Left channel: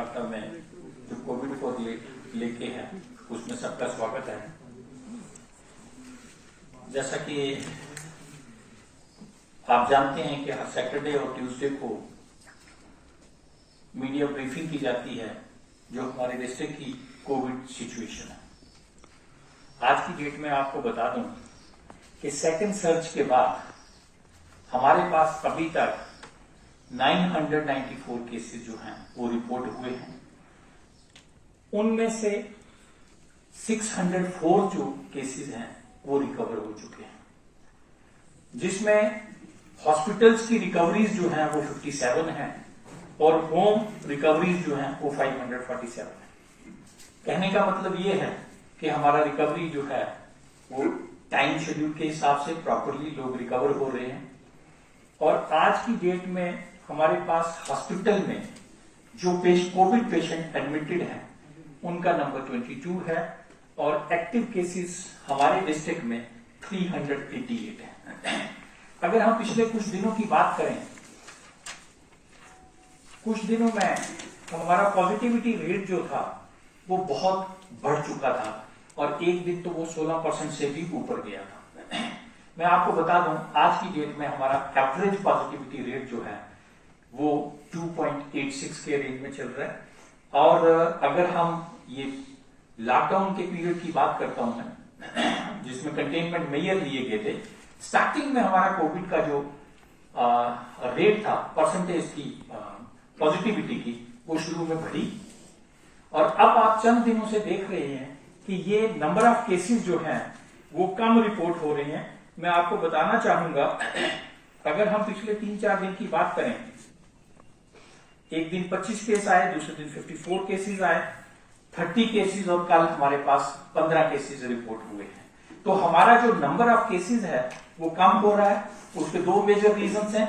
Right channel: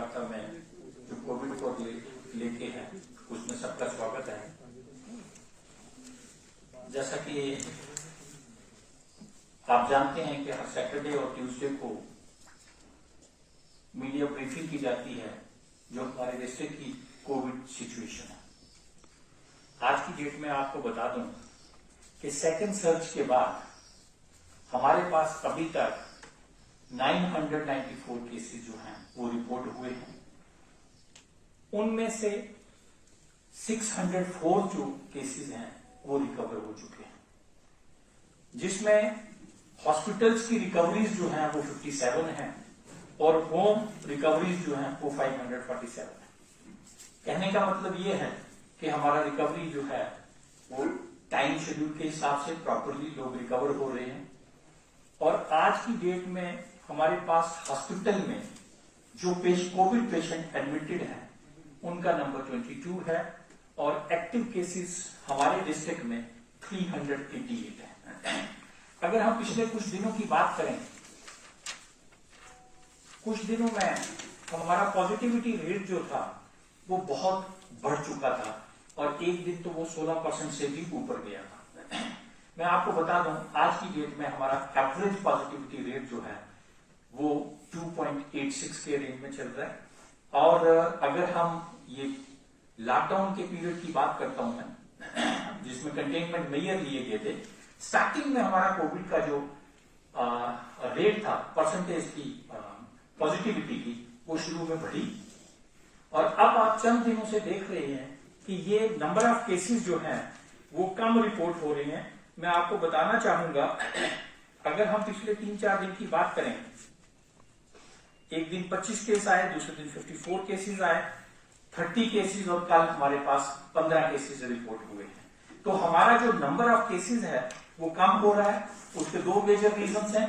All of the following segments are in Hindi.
वार्ता में जो कोविड को लेके है उसमें सबका स्वागत है। जैसा कि आप जानते हैं कि हर सैटरडे और ट्यूसडे को मीडिया ब्रीफिंग की जाती है जो हमारे डिस्ट्रिक्ट की कोविड सिचुएशन है। आज की डेट में आपको बता दूं कि सेकंड सर्च के बाद हमारे पास अभी तक 994 केसेस जो हैं वो रिपोर्ट हुए हैं। उनमें से 604 जो केसेस हैं वो रिकवर हो चुके हैं, जिसमें हॉस्पिटल्स की रिकवरीज जो हैं वो 57 हैं और होम रिकवरीज जो हैं वो 547 है। कहने का मतलब ये है कि हमारा रिकवरी जो है वो टाइम शेड्यूल के हिसाब से प्रॉपरली लोग रिकवर हो रहे हैं। और आज की डेट में हमारे पास हॉस्पिटल में जो कोविड पेशेंट एडमिटेड हैं उनका नंबर 22 है और एक्टिव केसेस हमारे डिस्ट्रिक्ट में 388 है। अगर हम पिछले कुछ दिनों की बात करें, कुछ दिनों में हमारा पॉजिटिविटी रेट जो था वो बहुत बढ़ चुका था और एक दिन तो वो 16% से भी ऊपर गया था। मैं आपको बता दूं आज की डेट में हमारा एवरेज पॉजिटिविटी रेट जो है वो 2.86 के रेंज में चल रहा है। और अगर हम ये लॉकडाउन के पीरियड की बात करता हूं मैं, जिसमें कंटेनमेंट मेजर लिए गए थे, स्टार्टिंग में हमारा कोविड का जो रेट था, परसेंटेज की पॉजिटिविटी की, वो शुरू में बढ़ी और अब आप चंद दिनों से देख रहे हैं कि ये नंबर ऑफ केसेस जो हैं वो कम रिपोर्ट हो रहे हैं। मैं आपको बताना चाहूंगा, अगर हम पिछले 3-4 दिन की बात करें, एक दिन 25 केस आए, दूसरे दिन 54 केसेस आए, 30 केसेस और कल हमारे पास 15 केसेस रिपोर्ट हुए हैं। तो हमारा जो नंबर ऑफ केसेस है वो कम हो रहा है। उसके दो मेजर रीजंस हैं।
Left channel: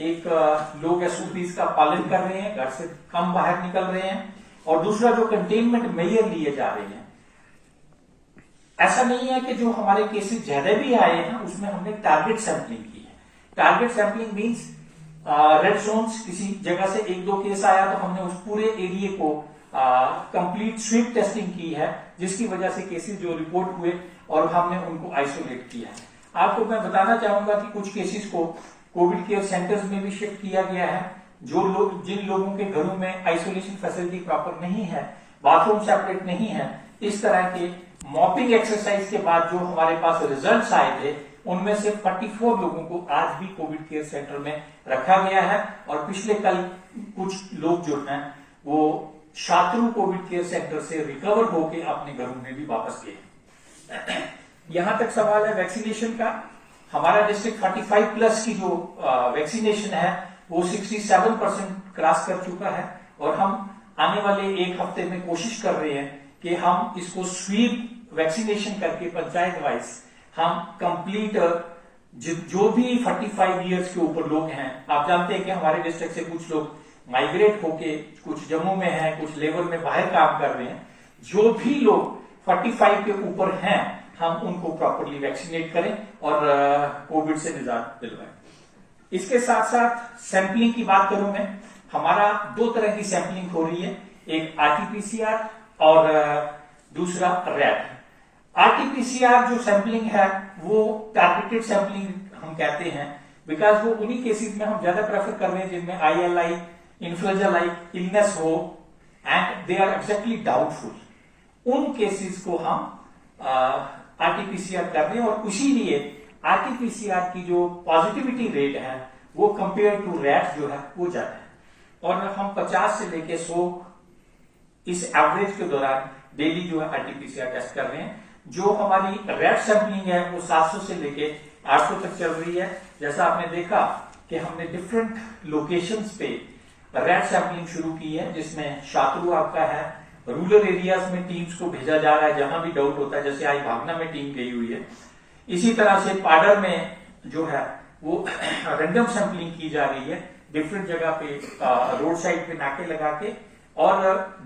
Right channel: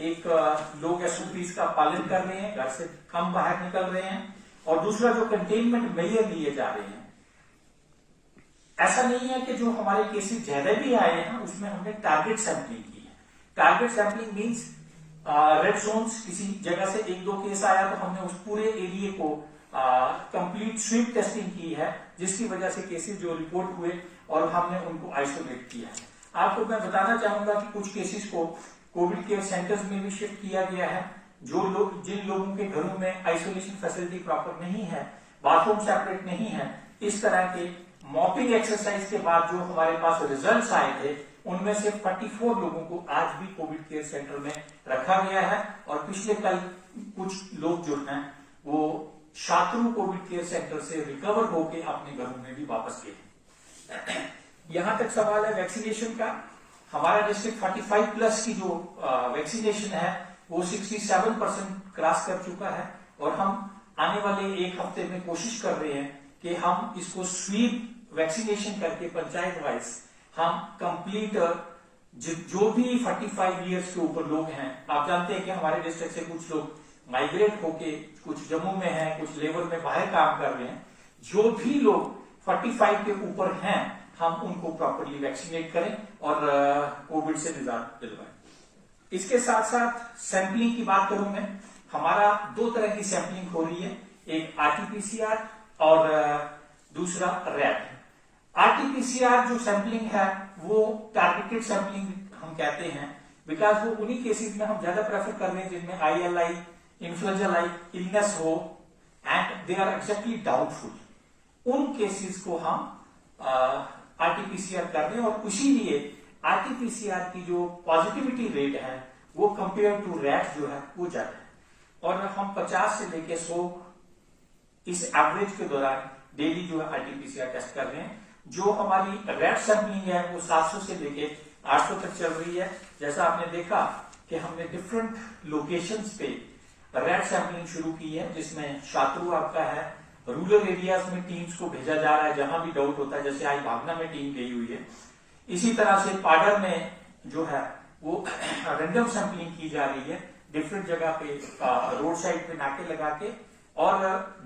एक, लोग एसओपीज का पालन कर रहे हैं, घर से कम बाहर निकल रहे हैं, और दूसरा जो कंटेनमेंट मेजर लिए जा रहे हैं। ऐसा नहीं है कि जो हमारे केसेस ज्यादा भी आए हैं उसमें हमने टारगेट सैंपलिंग की है। Target sampling means red zones, किसी जगह से 1-2 केस आया तो हमने उस पूरे एरिया को कंप्लीट स्वीप टेस्टिंग की है, जिसकी वजह से केसेस जो रिपोर्ट हुए और हमने उनको आइसोलेट किया है। आपको मैं बताना चाहूंगा कि कुछ केसेस को कोविड केयर सेंटर्स में भी शिफ्ट किया गया है। जिन लोगों के घरों में आइसोलेशन फैसिलिटी प्रॉपर नहीं है, बाथरूम सेपरेट नहीं है, इस तरह के मॉपिंग एक्सरसाइज के बाद जो हमारे पास रिजल्ट्स आए थे, उनमें से 44 लोगों को आज भी कोविड केयर सेंटर में रखा गया है। और पिछले कल कुछ लोग जो हैं वो शात्रु कोविड केयर सेंटर से रिकवर होकर अपने घरों में भी वापस गए। यहां तक सवाल है वैक्सीनेशन का। हमारा डिस्ट्रिक्ट 45+ की जो वैक्सीनेशन है वो 67% क्रॉस कर चुका है और हम आने वाले एक हफ्ते में कोशिश कर रहे हैं कि हम इसको स्वीप वैक्सीनेशन करके पंचायत वाइज हम कंप्लीट जो भी 45 इयर्स के ऊपर लोग हैं, आप जानते हैं कि हमारे डिस्ट्रिक्ट से कुछ लोग माइग्रेट होके कुछ जम्मू में हैं, कुछ लेबर में बाहर काम कर रहे हैं, जो भी लोग 45 के ऊपर हैं हम उनको प्रॉपरली वैक्सीनेट करें और कोविड से निजात दिलवाएं। इसके साथ साथ सैंपलिंग की बात करूं मैं, हमारा 2 तरह की सैंपलिंग हो रही है, एक RT-PCR और दूसरा रैट। RT-PCR जो सैंपलिंग है वो टारगेटेड सैंपलिंग हम कहते हैं, बिकॉज वो उन्हीं केसेस में हम ज्यादा प्रेफर कर रहे हैं जिनमें ILI, इन्फ्लुएंजा लाइक इलनेस हो and they are exactly doubtful. उन केसेस को हम RT-PCR कर रहे हैं और इसीलिए RT-PCR की जो पॉजिटिविटी रेट है वो कंपेयर टू रैट जो है वो ज्यादा है। और हम 50 से लेके 100 इस एवरेज के दौरान डेली जो है RT-PCR टेस्ट कर रहे हैं। जो हमारी रैट सैंपलिंग है वो 700 से लेके 800 तक चल रही है। जैसा आपने देखा कि हमने डिफरेंट लोकेशंस पे रैट सैंपलिंग शुरू की है, जिसमें शात्रु आपका है, रूरल एरियाज में टीम्स को भेजा जा रहा है जहां भी डाउट होता है, जैसे आज भागना में टीम गई हुई है। इसी तरह से पाडर में जो है वो रैंडम सैंपलिंग की जा रही है, डिफरेंट जगह पे रोड साइड पे नाके लगा के। और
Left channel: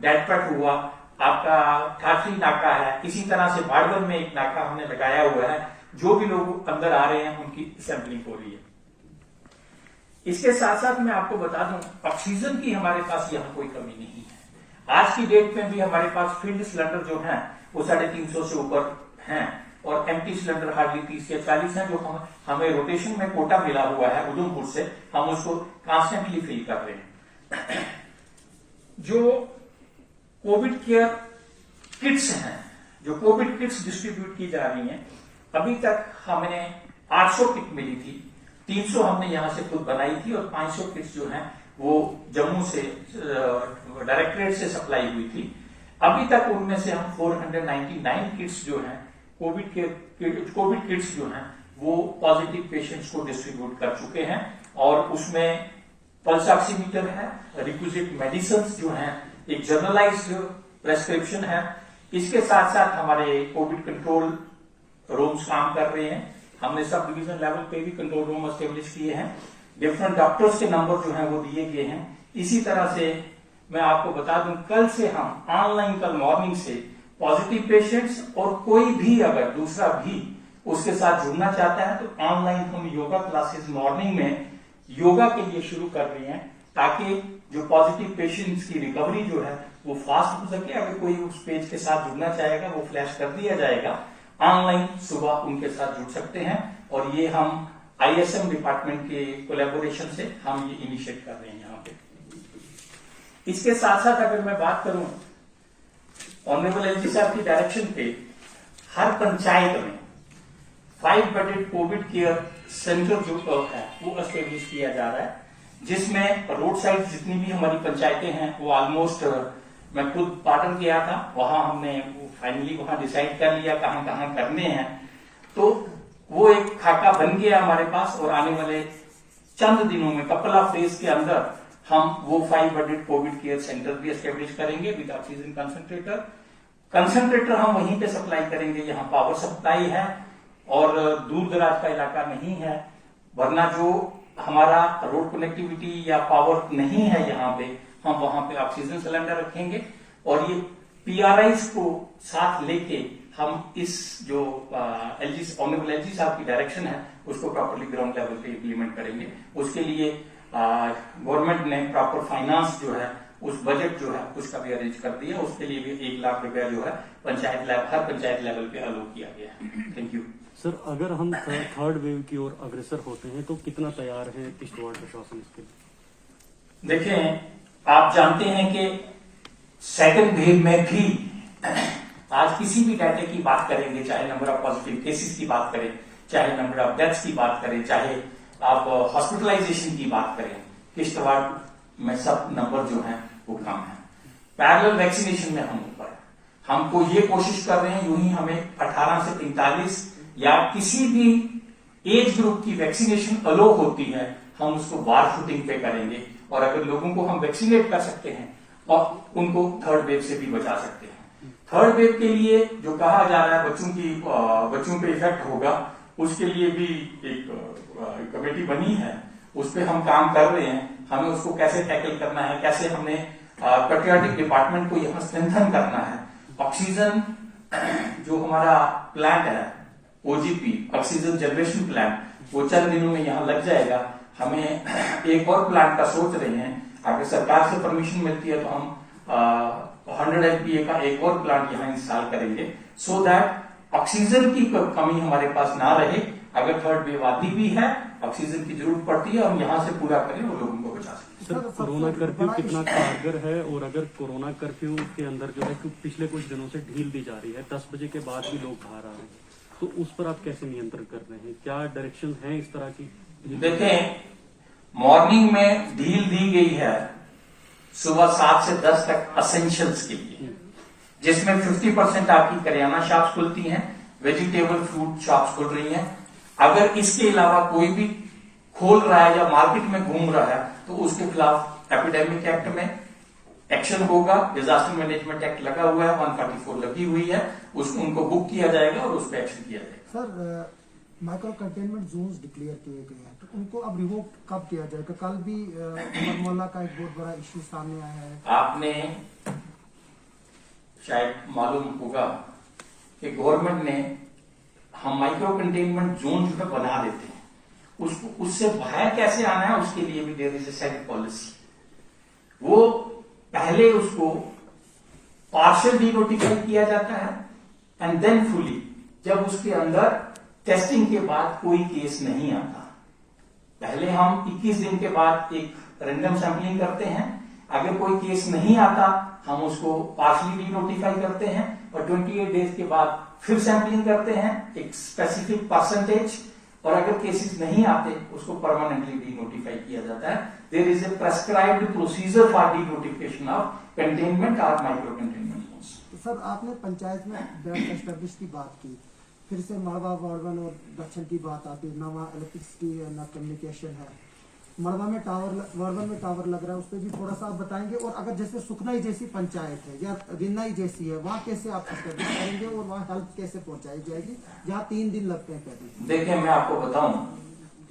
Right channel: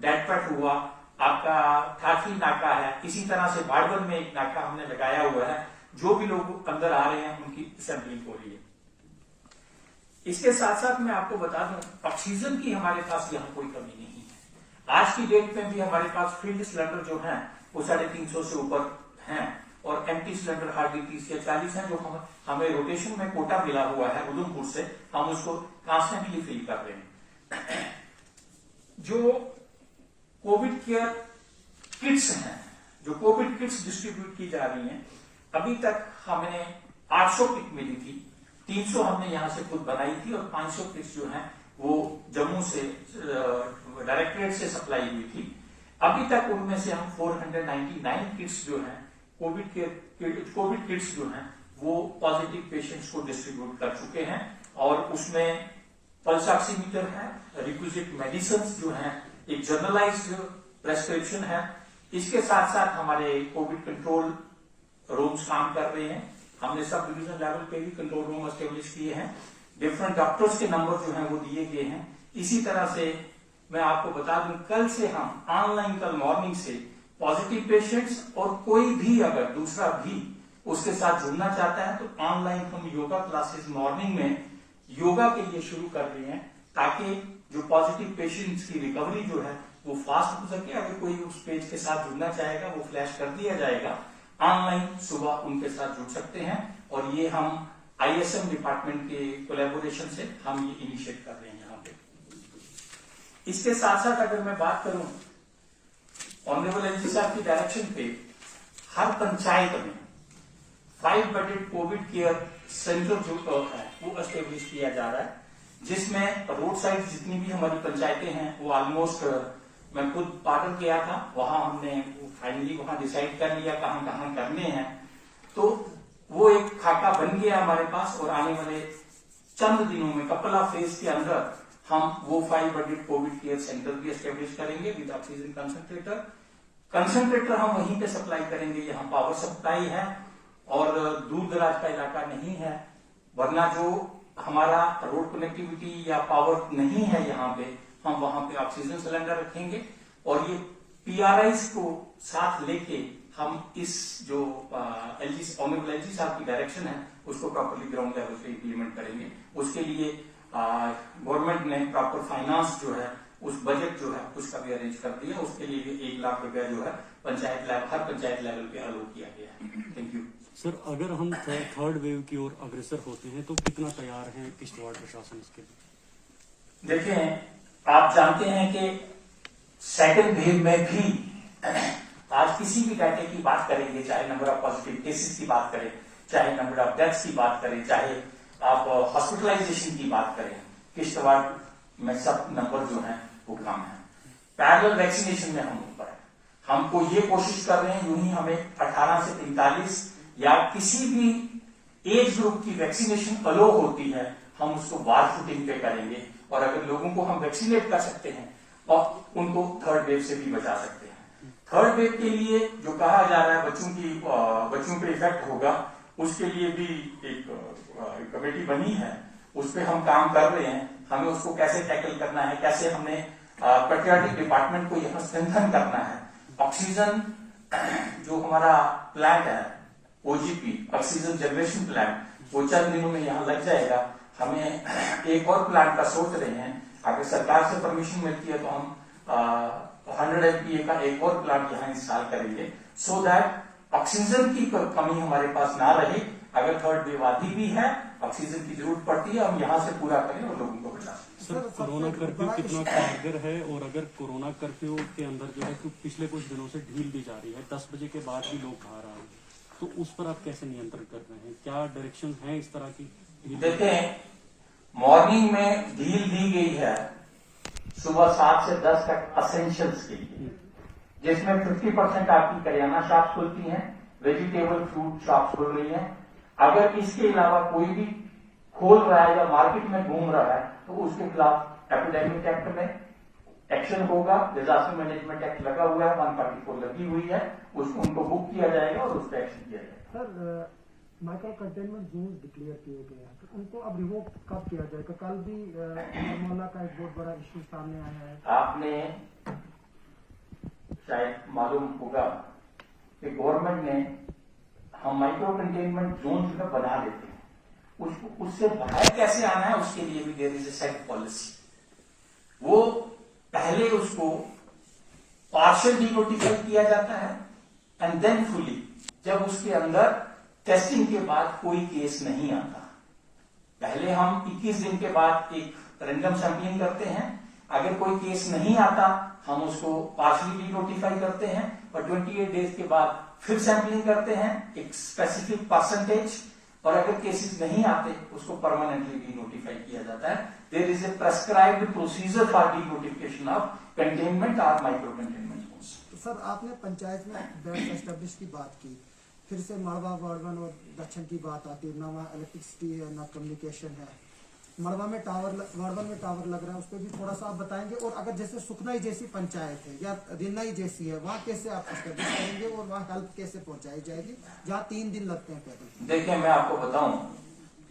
डेडपट हुआ आपका, ठाठरी नाका है, इसी तरह से बाड़वन में एक नाका हमने लगाया हुआ है। जो भी लोग अंदर आ रहे हैं उनकी सैंपलिंग हो रही है। इसके साथ साथ मैं आपको बता दूं, ऑक्सीजन की हमारे पास यहां कोई कमी नहीं है। आज की डेट में भी हमारे पास फील्ड सिलेंडर जो है वो 350 से ऊपर हैं और एम्प्टी सिलेंडर हार्डली 30 या 40 हैं, जो हमें रोटेशन में कोटा मिला हुआ है उधमपुर से, हम उसको कॉन्स्टेंटली फिल कर रहे हैं। जो कोविड केयर किट्स हैं, जो कोविड किट्स डिस्ट्रीब्यूट की जा रही हैं, अभी तक हमें 800 किट मिली थी, 300 हमने यहां से खुद बनाई थी और 500 किट्स जो हैं वो जम्मू से डायरेक्टरेट से सप्लाई हुई थी। अभी तक उनमें से हम 499 किट्स जो हैं कोविड किट्स जो हैं वो पॉजिटिव पेशेंट्स को डिस्ट्रीब्यूट कर चुके हैं और उसमें पल्स ऑक्सीमीटर है, रिक्विजिट मेडिसिन जो हैं, एक जर्नलाइज्ड प्रेस्क्रिप्शन है। इसके साथ साथ हमारे कोविड कंट्रोल रूम्स काम कर रहे हैं। हमने सब डिवीजन लेवल पे भी कंट्रोल रूम एस्टेब्लिश किए हैं, डिफरेंट डॉक्टर्स के नंबर जो हैं वो दिए गए हैं। इसी तरह से मैं आपको बता दूं, कल से हम ऑनलाइन, कल मॉर्निंग से पॉजिटिव पेशेंट्स और कोई भी अगर दूसरा भी उसके साथ जुड़ना चाहता है तो ऑनलाइन हम योगा क्लासेस मॉर्निंग में योगा के लिए शुरू कर रहे हैं, ताकि जो पॉजिटिव पेशेंट्स की रिकवरी जो है वो फास्ट हो सके। अगर कोई उस पेज के साथ जुड़ना चाहेगा वो फ्लैश कर दिया जाएगा, ऑनलाइन सुबह उनके साथ जुड़ सकते हैं। और ये हम ISM डिपार्टमेंट के कोलैबोरेशन से हम ये इनिशिएट कर रहे हैं यहाँ पे। इसके साथ साथ अगर मैं बात करूं, ऑनरेबल LG साहब की डायरेक्शन पे हर पंचायत में 5 बेडेड कोविड केयर सेंटर जो है वो एस्टेब्लिश किया जा रहा है, जिसमें रोड साइड जितनी भी हमारी पंचायतें हैं वो ऑलमोस्ट, मैं खुद पाटन गया था, वहां हमने फाइनली वहां डिसाइड कर लिया कहां कहां करने हैं। तो वो एक खाका बन गया हमारे पास और आने वाले चंद दिनों में, कपल ऑफ डेज के अंदर हम वो 5 बेडेड कोविड केयर सेंटर भी एस्टेब्लिश करेंगे विद ऑक्सीजन कंसंट्रेटर हम वहीं पे सप्लाई करेंगे। यहाँ पावर सप्लाई है और दूर दराज का इलाका नहीं है, वरना जो हमारा रोड कनेक्टिविटी या पावर नहीं है यहाँ पे, हम वहां पे ऑक्सीजन सिलेंडर रखेंगे और ये PRIs को साथ लेके हम इस जो ऑनरेबल LG साहब की डायरेक्शन है उसको प्रॉपरली ग्राउंड लेवल पे इम्प्लीमेंट करेंगे। उसके लिए गवर्नमेंट ने प्रॉपर फाइनेंस जो है, उस बजट जो है उसका भी अरेंज कर दिया। उसके लिए भी 1 लाख रुपया जो है हर पंचायत लेवल पे अलोट किया गया है। Thank you sir. अगर हम थर्ड वेव की ओर अग्रसर होते हैं तो कितना तैयार है किश्तवाड़ प्रशासन इसके लिए? देखें, आप जानते हैं कि सेकंड वेव में भी आज किसी भी डाटे की बात करेंगे, चाहे नंबर ऑफ पॉजिटिव केसेस की बात करें, चाहे नंबर ऑफ डेथ्स की बात करें, चाहे आप हॉस्पिटलाइजेशन की बात करें, किश्तवाड़ में सब नंबर जो है वो कम है। पैरेलल वैक्सीनेशन में हम ऊपर है। हमको ये कोशिश कर रहे हैं, यूं ही हमें 18 से 43 या किसी भी एज ग्रुप की वैक्सीनेशन अलो होती है, हम उसको बार फुटिंग पे करेंगे और अगर लोगों को हम वैक्सीनेट कर सकते हैं और उनको थर्ड वेव से भी बचा सकते हैं। थर्ड वेव के लिए जो कहा जा रहा है बच्चों पे इफेक्ट होगा, उसके लिए भी एक कमेटी बनी है, उस पर हम काम कर रहे हैं। हमें उसको कैसे टैकल करना है, कैसे हमने पेट्रियाटिक डिपार्टमेंट को यहाँ स्ट्रेंथन करना है। ऑक्सीजन जो हमारा प्लांट है OGP ऑक्सीजन जनरेशन प्लांट, वो चंद दिनों में यहाँ लग जाएगा। हमें एक और प्लांट का सोच रहे हैं, अगर सरकार से परमिशन मिलती है तो हम 100 MPa का एक और प्लांट यहाँ इंस्टॉल करेंगे, सो दैट ऑक्सीजन की कमी हमारे पास ना रहे। अगर थर्ड वेव आती भी है, ऑक्सीजन की जरूरत पड़ती है, हम यहाँ से पूरा करें और लोगों को बचा सकें। सर, कोरोना कर्फ्यू कितना कारगर है और अगर कोरोना कर्फ्यू के अंदर जो है पिछले कुछ दिनों से ढील दी जा रही है, 10 बजे के बाद भी लोग बाहर आ रहे हैं, तो उस पर आप कैसे नियंत्रण कर रहे हैं? क्या डायरेक्शन है इस तरह की? देखें, मॉर्निंग में ढील दी गई है सुबह 7 से 10 तक असेंशियल्स के लिए, जिसमें 50% आपकी करियाना शॉप्स खुलती हैं, वेजिटेबल फ्रूट शॉप्स खुल रही हैं। अगर इसके अलावा कोई भी खोल रहा है या मार्केट में घूम रहा है तो उसके खिलाफ एपिडेमिक एक्ट में एक्शन होगा। डिजास्टर मैनेजमेंट एक्ट लगा हुआ है, 144 लगी हुई है, उसको उनको बुक किया जाएगा और उस पर एक्शन किया जाएगा। Sir, micro containment Jones declare किए गए हैं, तो उनको अब रिवोक कब किया जाएगा? कल भी मोहल्ला का एक बहुत बड़ा इश्यू सामने आया है। आपने शायद मालूम होगा कि गवर्नमेंट ने, हम माइक्रो कंटेनमेंट जोन जो है बना देते हैं, उसको उससे बाहर कैसे आना है उसके लिए भी there is a set policy. वो पहले उसको पार्शियल डीनोटिफाई किया जाता है एंड देन फुली, जब उसके अंदर टेस्टिंग के बाद कोई केस नहीं आता। पहले हम 21 दिन के बाद एक रैंडम सैंपलिंग करते हैं, अगर कोई केस नहीं आता हम उसको पार्शियली डीनोटिफाई करते हैं और 28 डेज के बाद फिर सैंपलिंग करते हैं एक स्पेसिफिक परसेंटेज, और अगर केसेस नहीं आते उसको परमानेंटली डीनोटिफाई किया जाता है। There is a prescribed procedure for denotification of containment और माइक्रो कंटेनमेंट जोन्स। तो सर आपने पंचायत में बेस्ट एस्टेब्लिश की बात की, फिर से मड़वा वार्डन और दक्षिण की बात आती है, ना वहाँ इलेक्ट्रिसिटी है ना कम्युनिकेशन है। मड़वा में वार्डन में टावर लग रहा है, उस पर भी थोड़ा सा आप बताएंगे। और अगर जैसे सुखनाई जैसी पंचायत है या रिन्नाई जैसी है, वहाँ कैसे आप एस्टेब्लिश करेंगे और वहाँ हेल्प कैसे पहुंचाई जाएगी जहाँ 3 दिन लगते हैं कहते? देखिए मैं आपको बताऊं,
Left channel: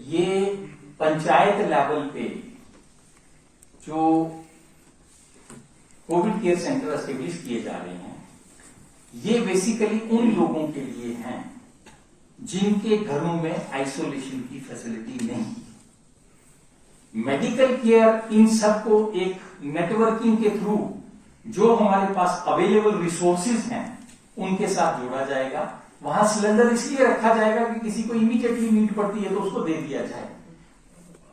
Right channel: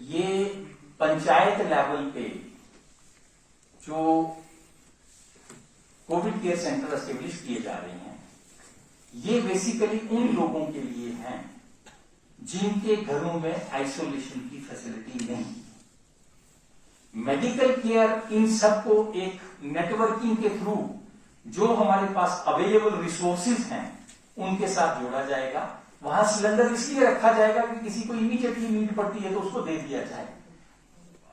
ये पंचायत लेवल पे जो कोविड केयर सेंटर एस्टेब्लिश किए जा रहे हैं, ये बेसिकली उन लोगों के लिए हैं जिनके घरों में आइसोलेशन की फैसिलिटी नहीं है। मेडिकल केयर इन सबको एक नेटवर्किंग के थ्रू जो हमारे पास अवेलेबल रिसोर्सेज हैं उनके साथ जोड़ा जाएगा। वहां सिलेंडर इसलिए रखा जाएगा कि किसी को इमीडिएटली नीड पड़ती है तो उसको दे दिया जाए।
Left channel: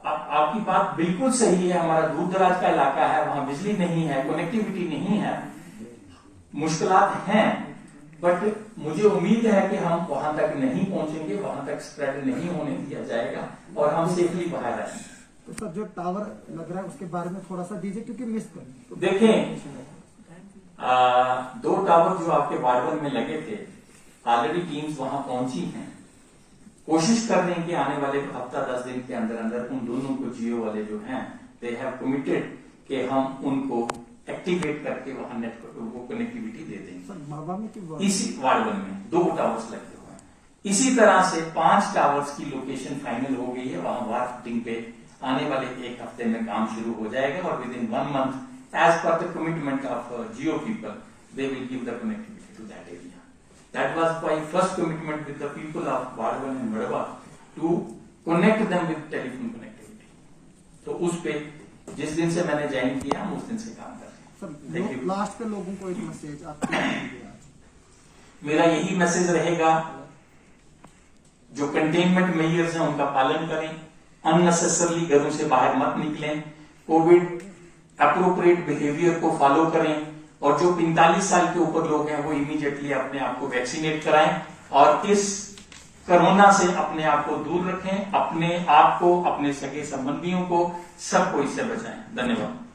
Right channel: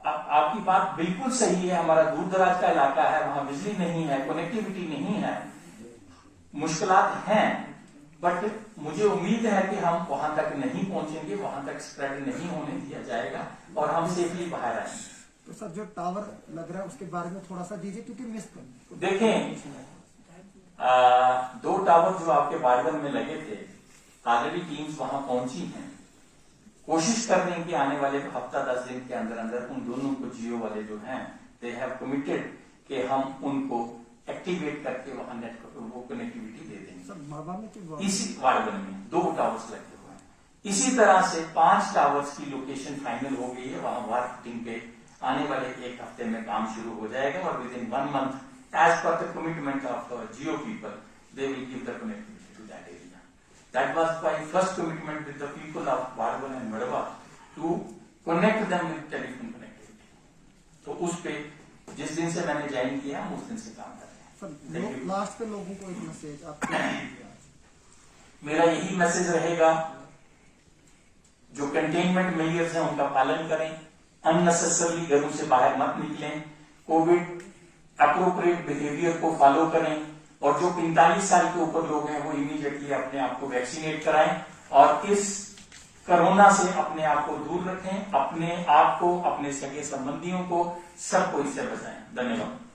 आपकी बात बिल्कुल सही है, हमारा दूर दराज का इलाका है, वहां बिजली नहीं है, कनेक्टिविटी नहीं है, मुश्किलात हैं, बट मुझे उम्मीद है कि हम वहां तक नहीं पहुंचेंगे, वहां तक स्प्रेड नहीं होने दिया जाएगा और हम सेफली बाहर आएंगे। तो सर जो टावर लग रहा है उसके बारे में थोड़ा सा दीजिए, क्योंकि मिस कर देखें 2 टावर जो आपके बारबन में लगे थे, ऑलरेडी टीम्स वहां पहुंची हैं, कोशिश कर रहे हैं कि आने वाले हफ्ता 10 दिन के अंदर अंदर उन दोनों को जियो वाले जो हैं दे हैव कमिटेड कि हम उनको एक्टिवेट करके वहां नेटवर्क वो कनेक्टिविटी दे देंगे। सर मड़वा में इसी वार्डन में 2 टावर्स लगे हुए हैं। इसी तरह से 5 टावर्स की लोकेशन फाइनल हो गई है, वहां वार फिटिंग पे आने वाले 1 हफ्ते में काम शुरू हो जाएगा और within 1 month as per the commitment of Jio people they will give the connectivity to that area. That was my first commitment with the people of Wardan and Madwa to connect them with telephone connectivity. तो उस पे जिस दिन से मैंने ज्वाइन किया हम उस दिन से काम कर रहे हैं। लास्ट पे लोगों को एक मैसेज आप मेरा यही मैसेज रहेगा, जो कंटेनमेंट मेजर्स हैं उनका पालन करें, अननेसेसरली घरों से बाहर मत निकलें, कोविड अप्रोप्रिएट बिहेवियर को फॉलो करें और जो 45 साल के ऊपर लोग हैं वो इमीडिएटली अपने आप को वैक्सीनेट कराएं और इस कोरोना से अपने आप को दूर रखें, अपने आप को, अपने सगे संबंधियों को, सबको इससे बचाएं। धन्यवाद।